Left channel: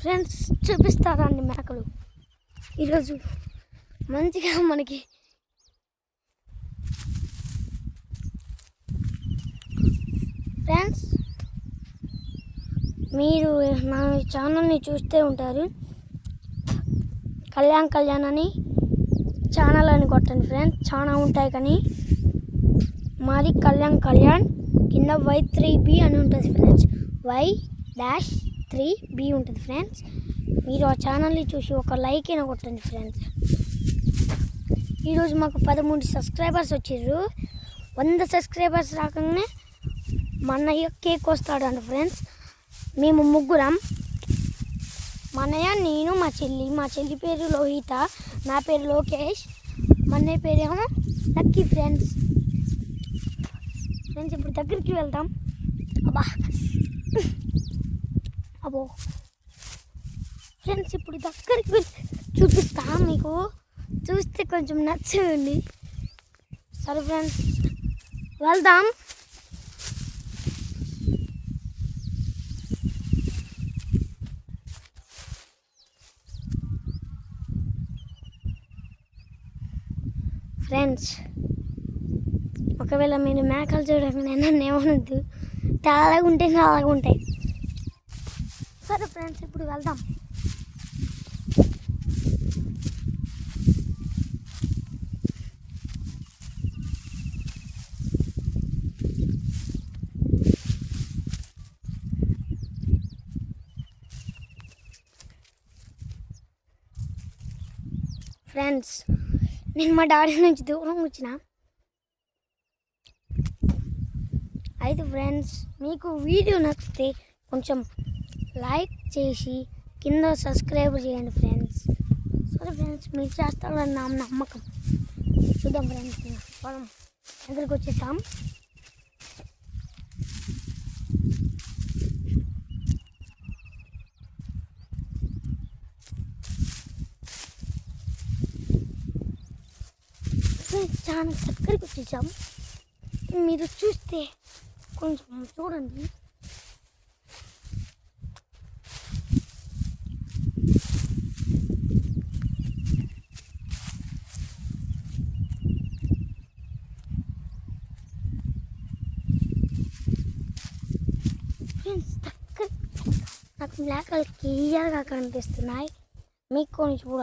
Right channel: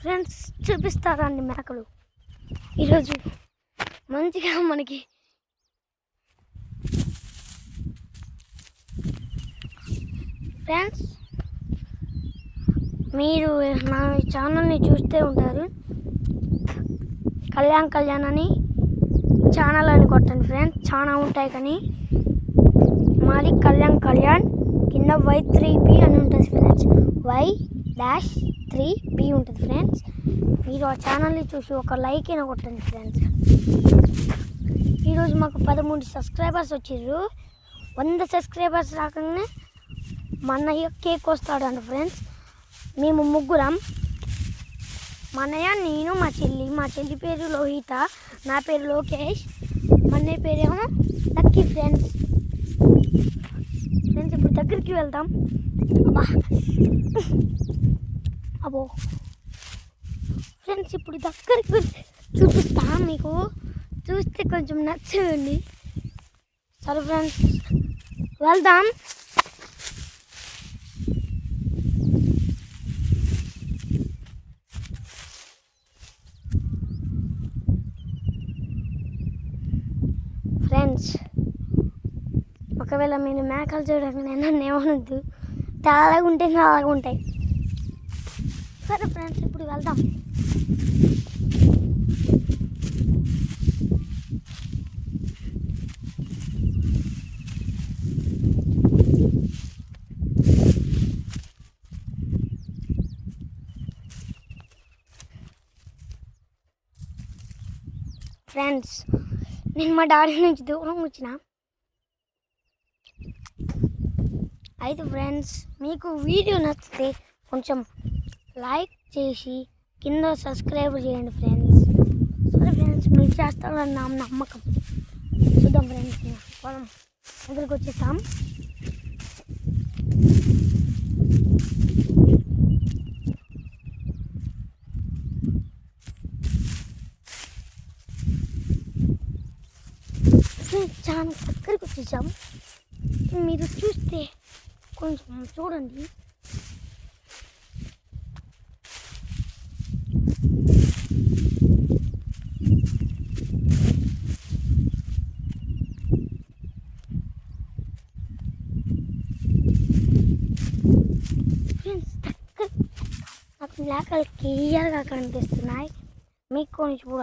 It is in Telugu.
ఫ్రెండ్స్ చూపిస్తారండి మేకలు ఈరోజు మంచిగా మనకి ఫ్రెండ్స్ మీరు నా ఛానల్ని చూస్తూ ఉంటారు. కళ్యాణ్ అని ఛానల్ అని కొట్టండి ఫ్రెండ్స్, చాలా ఉంటాయి. కానీ మాది కళ్యాణ్ కింద Y3B అని ఉంటుంది ఫ్రెండ్స్, Y-3B ఉంటుంది ఫ్రెండ్స్. మీరు ఆ ఛానల్ని చూసి ఒక లైక్ అయినా కొట్టండి ఫ్రెండ్స్. ఈరోజు మాకు 13 సబ్స్క్రైబర్స్ వచ్చారు. 100 సబ్స్క్రైబర్స్ రాగానే మా అన్నయ్య కేక్ వస్తాడంట ఫ్రెండ్స్. మేము ముగ్గురం, మా అన్నయ్య, నేను, మా చెల్లి పేరు లోహిత, నా పేరు లోకేష్, మా అన్నయ్య పేరేమో లక్కీ ఫ్రెండ్స్. ఇప్పుడు దగ్గరికి వెళ్దాం. అబ్బో ఫ్రెండ్స్, ఇప్పుడు దగ్గరికి చూపిస్తా, మీకు చూస్తే కొంచెం నచ్చండి. సరే ఫ్రెండ్స్ వెళ్దాం. ఫ్రెండ్స్ ఒకవేళ మీరు మేకలు చూడండి, నన్ను ఏమనొద్దు, తెల్లగా ఉంటే అలాగా ఉంటాయి. సరే ఫ్రెండ్స్ ఇప్పుడు వెళ్దాం. ఫ్రెండ్స్ నేను మా డాడీ నుంచి దూరం వచ్చిన. అయితే ఫ్రెండ్స్ మీకు వీడియో నచ్చితే కొంచెం లైక్ చేసి కింద సబ్స్క్రైబ్ చేయండి ఫ్రెండ్స్. సరే ఫ్రెండ్స్ మీరు చేస్తారని నా నమ్మకం. చూద్దాం ఫ్రెండ్స్, పొలం దగ్గరికి వచ్చేస్తాం. చాలా దగ్గరికి వచ్చేసాం. మీరు చూస్తే కొంచెం చూడండి. ఫ్రెండ్స్ నాకు మేకలు క్లియర్గా కనిపిస్తున్నాయి, మీకు కొన్ని చూడాలి.